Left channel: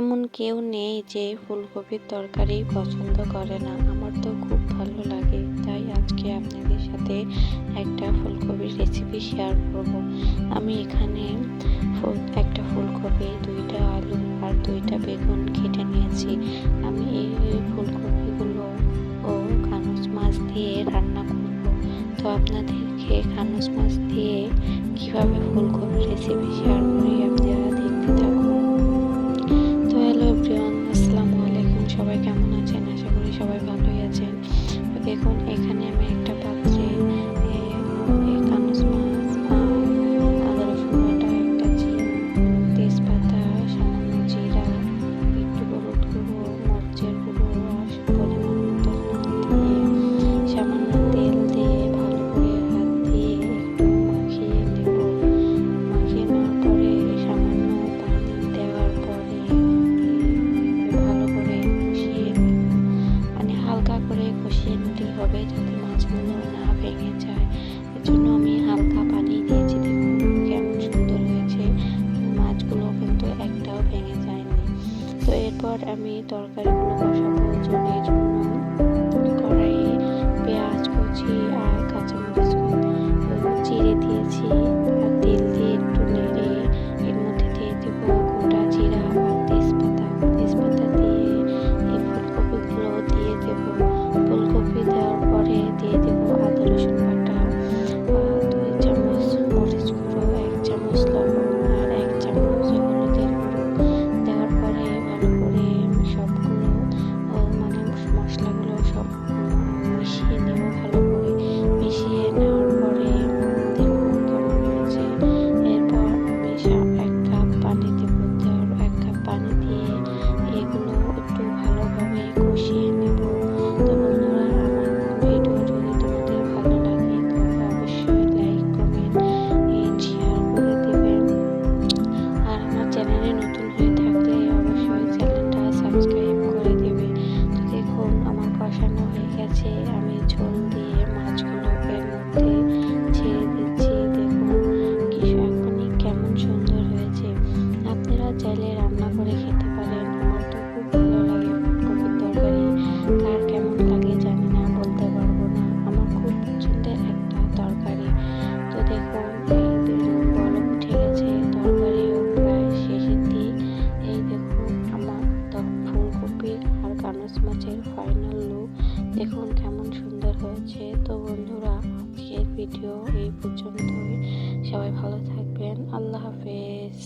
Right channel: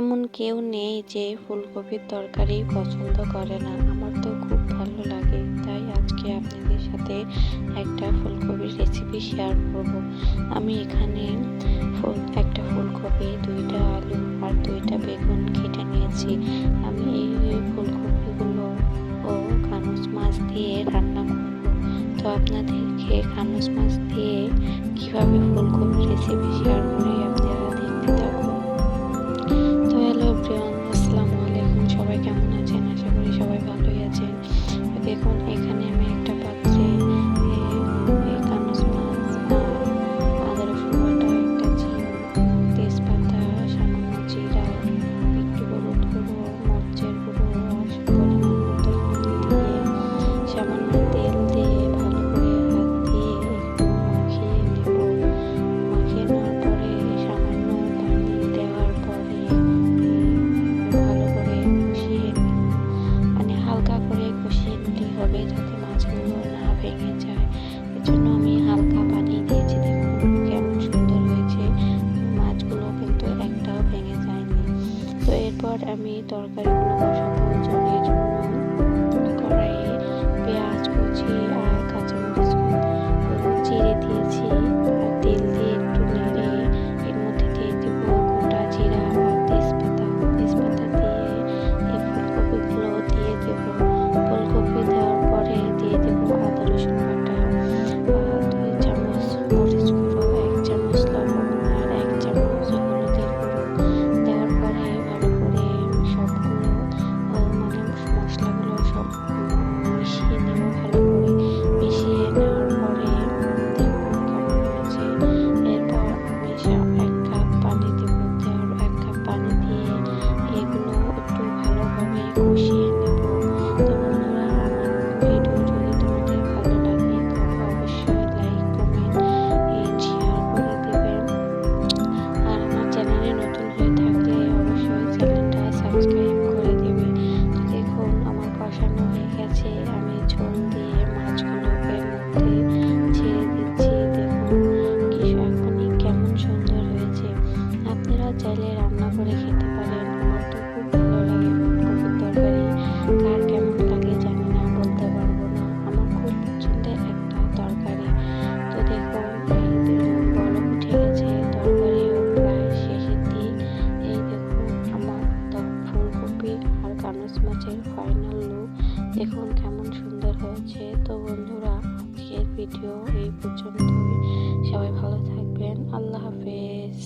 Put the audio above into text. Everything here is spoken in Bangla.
এমন কেউ নেই যে ফুলকপির তরকারি পছন্দ করে না। আমার তো খুব ভালো লাগে, তাই আজকে আপনাদের সাথে একটা ফুলকপির রেসিপি শেয়ার করব। আমি এখানে একটা ফুলকপি, দুইটা আলু আর দুইটা বেগুন কেটে নিয়েছি। আমি এই ফুলকপিগুলো ও কানুস মাছ দিয়ে রান্না করব। তো আপনাদেরকে কানুস মাছ দিয়ে কীভাবে ফুলকপির রেসিপি শেয়ার করি সবাই ভালোই আছেন। দেখুন, এখানে আমি একটা পাত্রে কানুস মাছ, আর আদা রসুন বাটা, একটা চিন তেজপাতা, সামান্য জিরা, একটু হলুদ গুঁড়ো, মরচের গুঁড়ো, আর পরিমাণ মতো দিয়ে সামান্য তেল দিয়ে ভালো হবে যাতে মাছগুলো না ভেঙে যায়। এর জন্য আমি হালকা পানি দিয়েছি। দেখুন কেমন সুন্দর হয়েছে। মাছগুলো কিন্তু একটাও ভেঙে যায়নি। তো এরপর আমি তরকারিগুলো বসাবো জন্য এই জন্য। কড়াইয়ে পেঁয়াজ কুচি আর কাঁচা কাঁচামরিচ চিড়ে দিয়েছি। আর তেল দিয়ে একটু নেড়ে এর মধ্যে দিয়ে দেবো গোটা জিরা দেওয়ার পরে দিয়ে দেব আদা রসুন বাটা দুই চামচ মরিচ গুঁড়ো, এক চামচ লবণ আর এক চামচ হলুদের গুঁড়ো। দেওয়ার পরে ভালো করে সবগুলো মানে মশলাগুলো সব মিশিয়ে নেব ভালো করে। মিশিয়ে ঝোল দিয়ে মাছগুলো এর মধ্যে ছেড়ে দিচ্ছি। দেখুন, কি এখনই কেমন সুন্দর হয়েছে। আপনারা চাইলে রান্না করে খেতে পারেন। ফাইনাল লুক দেখুন কেমন সুন্দর হয়েছে। তো বন্ধুরা, আজকের ভিডিও এই পর্যন্তই। সবাই ভালো থাকবেন। আল্লাহ হাফেজ।